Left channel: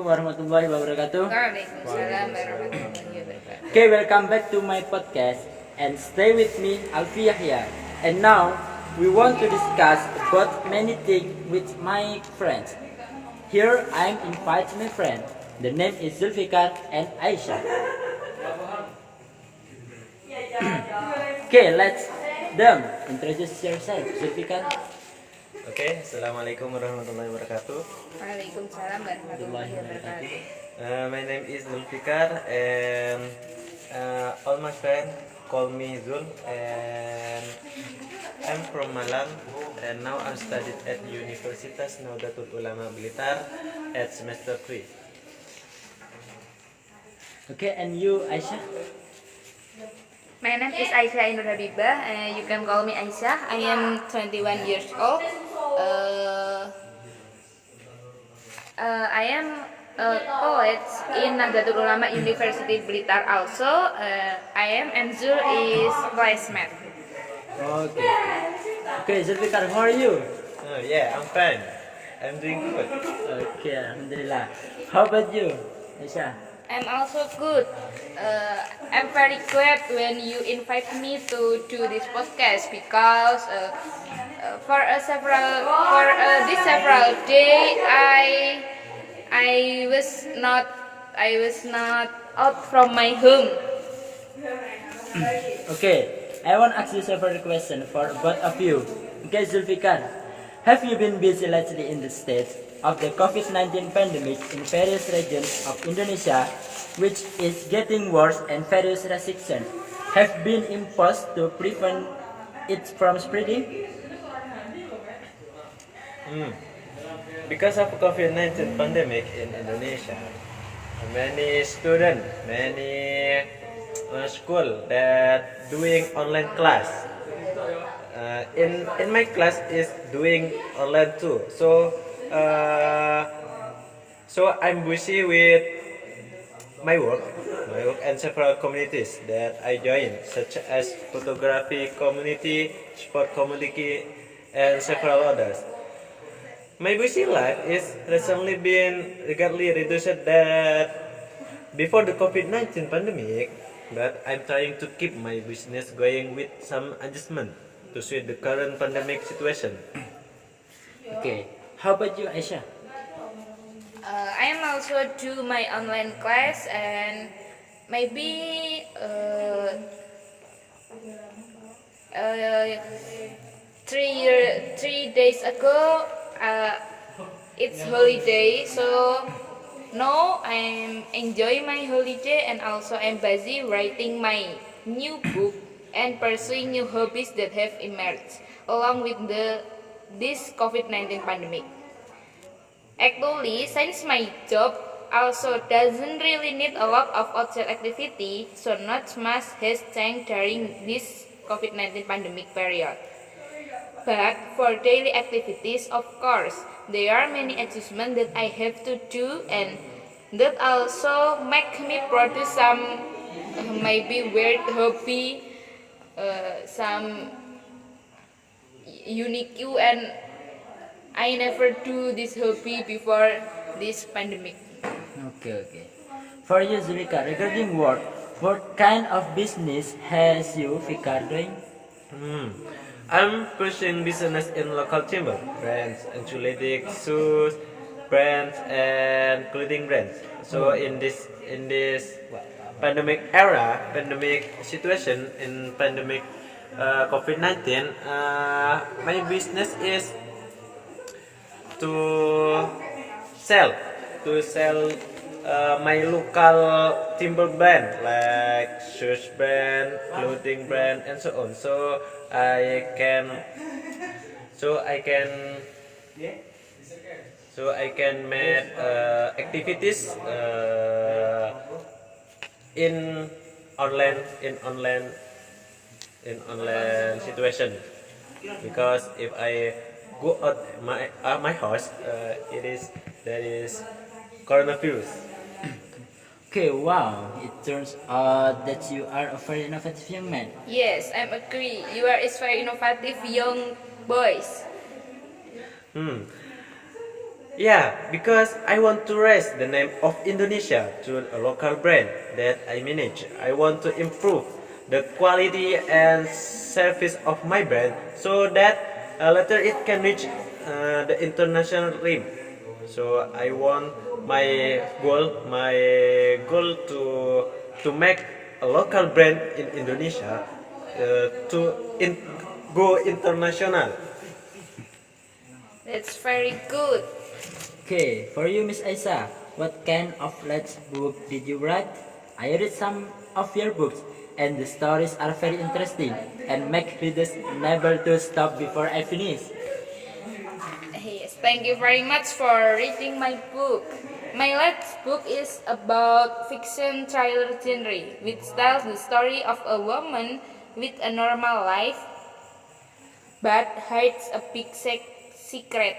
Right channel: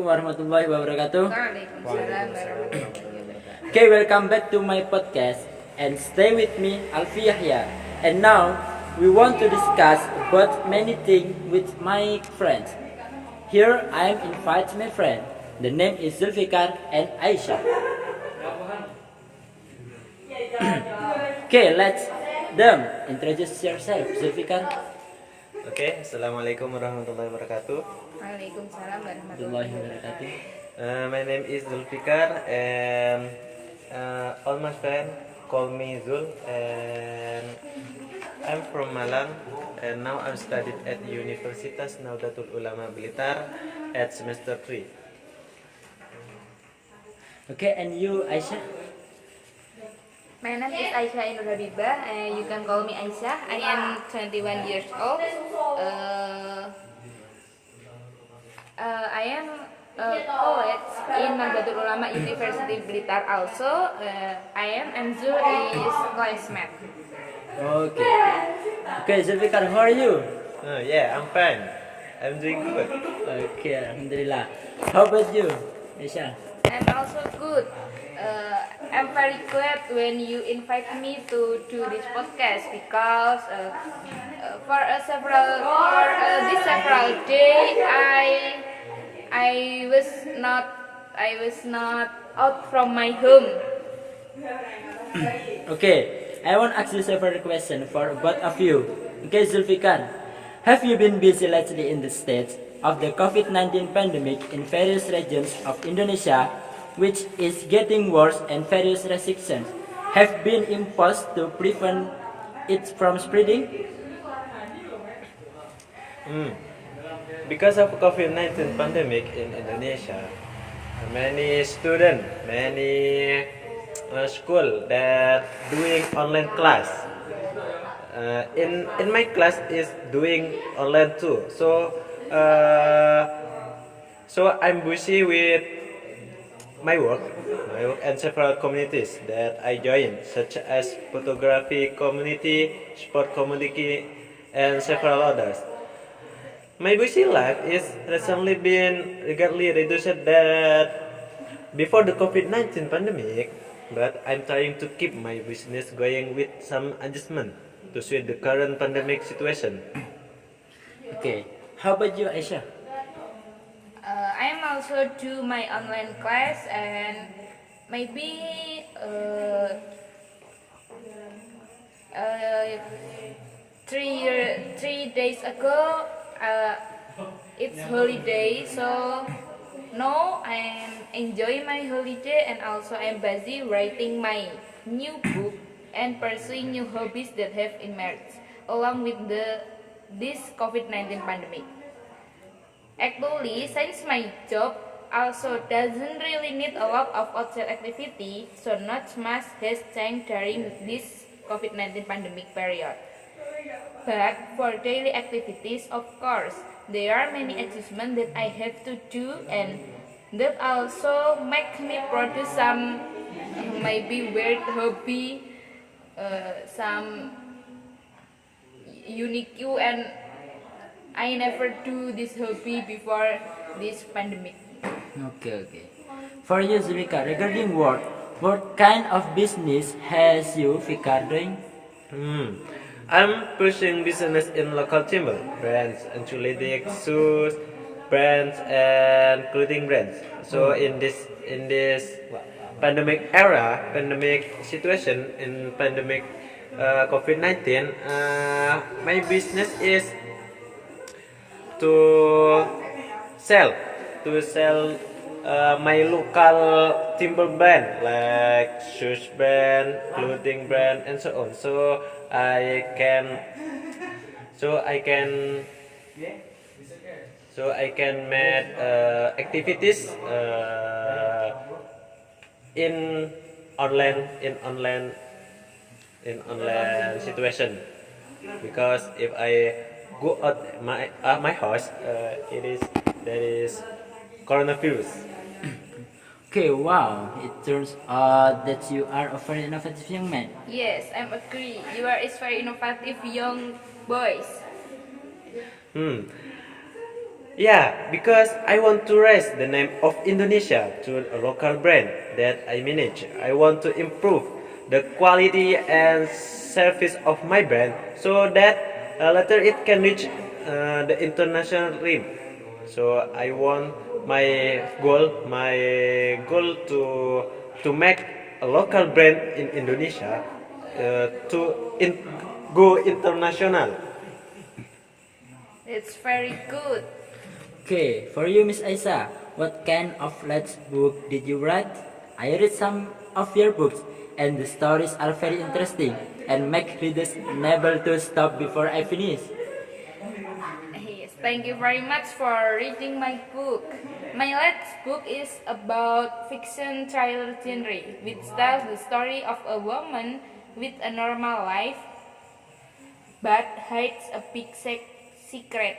Assalamualaikum warahmatullahi wabarakatuh. Waalaikumsalam warahmatullahi wabarakatuh. Okay, welcome back to my podcast and stay with me, Alvi Yahya. And now we want to discuss about many things with my friends. Here I am invite my friend. The name is Dzulfikar and Aisyah. Okay, let's them introduce yourself, Dzulfikar. Oke, Assalamualaikum warahmatullahi wabarakatuh. Waalaikumsalam warahmatullahi wabarakatuh. My name is Dzulfikar and all my friends call me Zul and I'm from Malang and now I'm studied at Universitas Nahdlatul Ulama Blitar at semester 3. Okay, and you, Aisyah? My name is Aisyah Ayu Nuurhabibah. You can call me Aisyah. I am 21 years old. I am college in Nahdlatul Ulama University Blitar also. I am and Zul is classmate. Okay. Okay, Dzulfikar, how are you? Yeah, I'm fine. I'm doing good. Okay, alhamdulillah. How about you, Aisyah? I'm also good. I'm very glad when you invite me to do this podcast because for this several day I was not out from my home. Okay, I want to ask you several questions for both of you. Okay, Dzulfikar, have you been busy lately in the States of the COVID-19 pandemic in various regions of Indonesia, which is getting worse and various restrictions have been imposed to prevent it from spreading? Because of COVID-19 pandemic in Indonesia, many students, many school that doing online class. In my class is doing online too. So I'm busy with my work and several communities that I join, such as photography community, sport community, and several others. My busy life is recently been greatly reduced that before the COVID-19 pandemic, but I'm trying to keep my business going with some adjustment to suit the current pandemic situation. Okay, how about you, Aisyah? I am also do my online class and maybe 3 days ago it's holiday, so now I'm enjoying my holiday and also I'm busy writing my new book and pursuing new hobbies that have emerged along with this COVID-19 pandemic. Actually, since my job also doesn't really need a lot of outside activity, so not much has changed during this COVID-19 pandemic period. But for daily activities, of course, there are many adjustments that I have to do and that also make me produce some maybe weird hobby, some unique and I never do this hobby before this pandemic. Okay. For you, Dzulfikar, regarding work, what kind of business has you, Fikar, doing? I'm pushing business in local timber brands, athletic shoes brands, and clothing brands. So in this pandemic era, pandemic situation, in pandemic COVID-19, my business is to sell my local timber brand like shoes brand, clothing brand, and so on. So I can make activities in online situation, because if I go out my house, there is coronavirus. Okay, wow, it turns out that you are a very innovative young man. Yes, I agree. You are very innovative young boys. Yeah, because I want to raise the name of Indonesia to a local brand that I manage. I want to improve the quality and service of my brand so that later it can reach the international rim. So I want my goal to make a local brand in Indonesia to go international. It's very good. Okay, for you, Miss Aisyah, what kind of last book did you write? I read some of your books, and the stories are very interesting and make readers unable to stop before I finish. Yes, thank you very much for reading my book. My last book is about fiction thriller genre, which tells the story of a woman with a normal life but hides a big secret.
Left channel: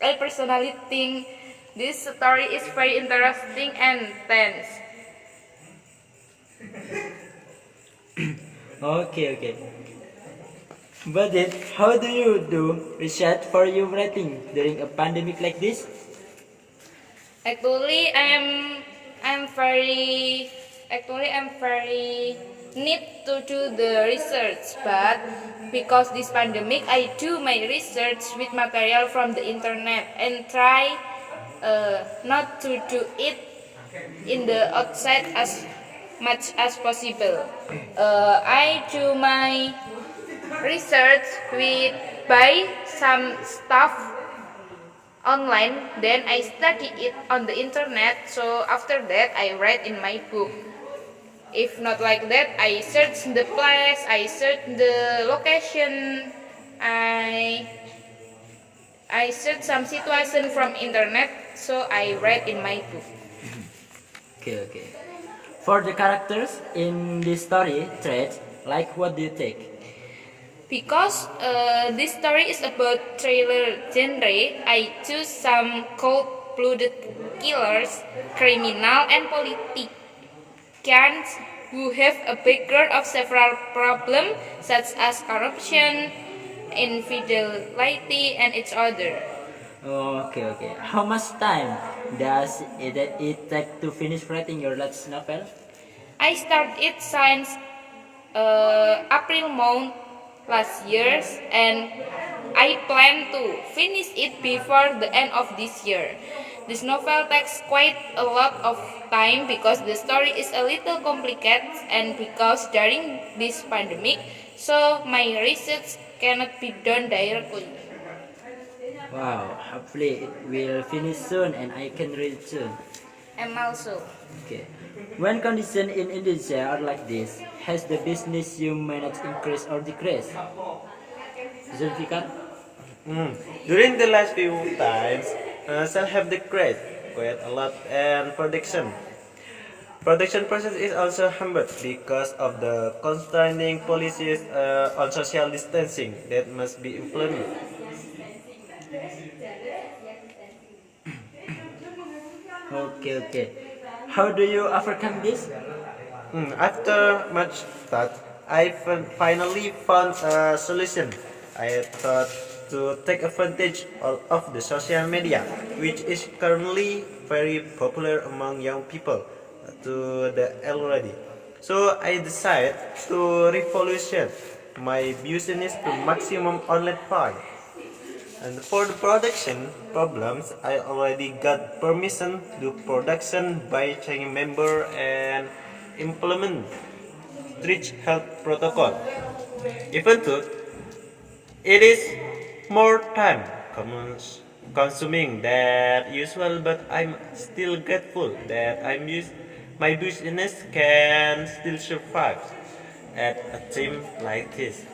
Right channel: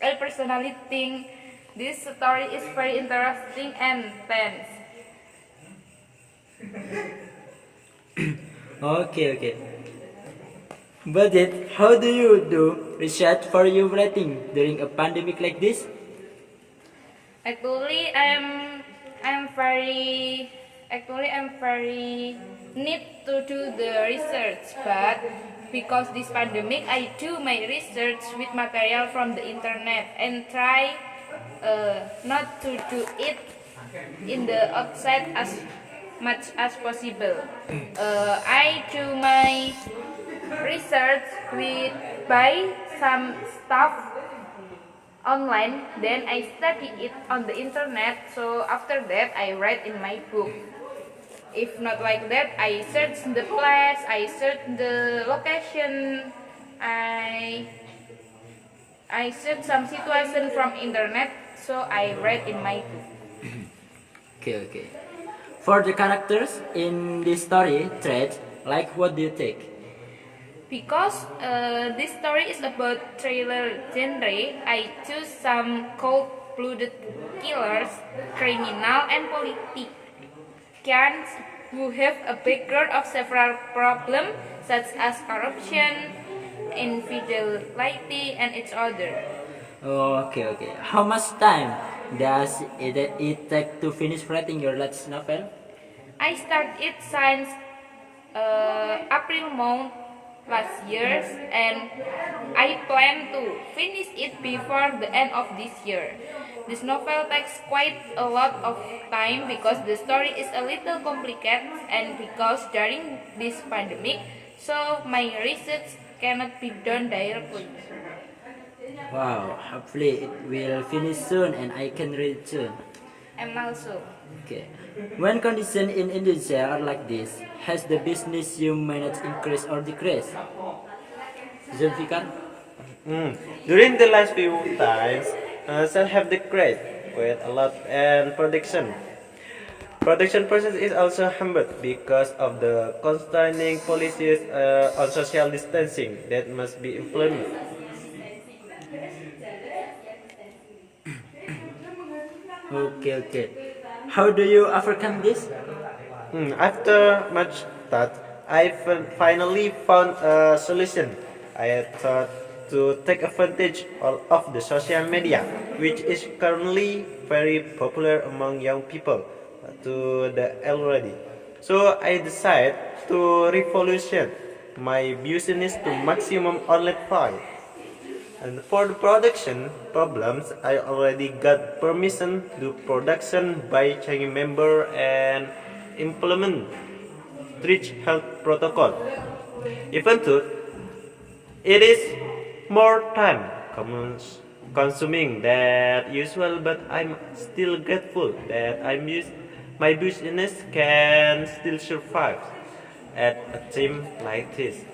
I personally think this story is very interesting and tense. Okay. But then, how do you do research for your writing during a pandemic like this? Actually, I'm very need to do the research, but because this pandemic, I do my research with material from the internet and try not to do it in the outside as much as possible. I do my research with buy some stuff online, then I study it on the internet. So after that, I write in my book. If not like that, I search the place, I search the location, I I search some situation from internet, so I write in my book. Okay. For the characters in this story thread, like what do you take? Because this story is about thriller genre, I choose some cold-blooded killers, criminal, and politicians who have a background of several problems such as corruption, infidelity, and each other. Okay. How much time does it take to finish writing your last novel? I started since April month last year, and I plan to finish it before the end of this year. This novel takes quite a lot of time because the story is a little complicated and because during this pandemic, so my research cannot be done directly. Wow, hopefully it will finish soon and I can read it soon. And also, Okay. When conditions in Indonesia are like this, has the business you manage increased or decreased? Dzulfikar? During the last few times, sales have decreased quite a lot, and production process is also hampered because of the constraining policies on social distancing that must be implemented. Okay. How do you overcome this? After much thought, I finally found a solution. I thought to take advantage of the social media, which is currently very popular among young people, to the already. So I decided to revolution my business to maximum online file. And for the production problems, I already got permission to production by changing member and implement strict health protocol. Even though it is more time consuming than usual, but I'm still grateful that my business can still survive at a time like this.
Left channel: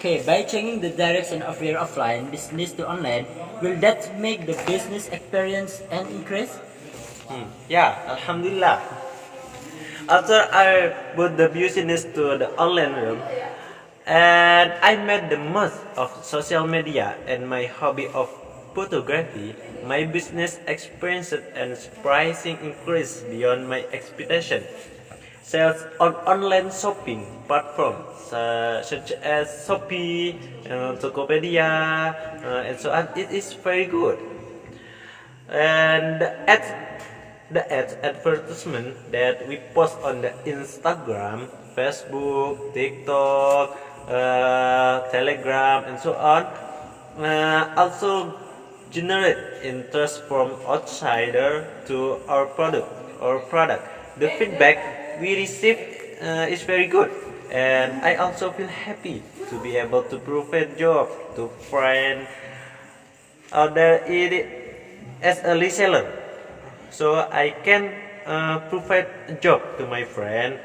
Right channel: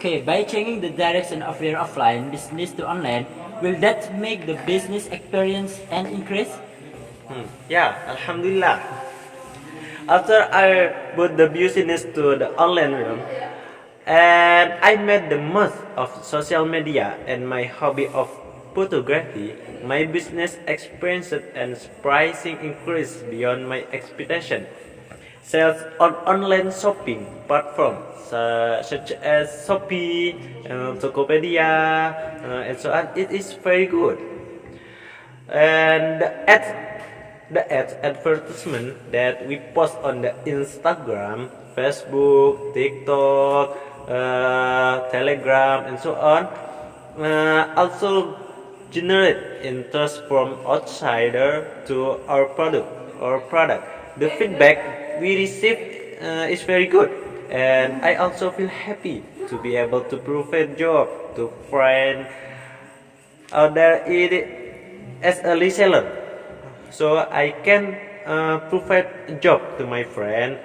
Okay, by changing the direction of your offline business to online, will that make the business experience an increase? Yeah, Alhamdulillah. After I put the business to the online room, and I made the most of social media and my hobby of photography, my business experienced an surprising increase beyond my expectation. sales on online shopping platforms such as Shopee, Tokopedia, and so on. It is very good. And the ads advertisement that we post on the Instagram, Facebook, TikTok, Telegram, and so on, also generate interest from outsider to our product. The feedback we receive is very good, and I also feel happy to be able to provide job to friends out there as a reseller. So I can provide a job to my friend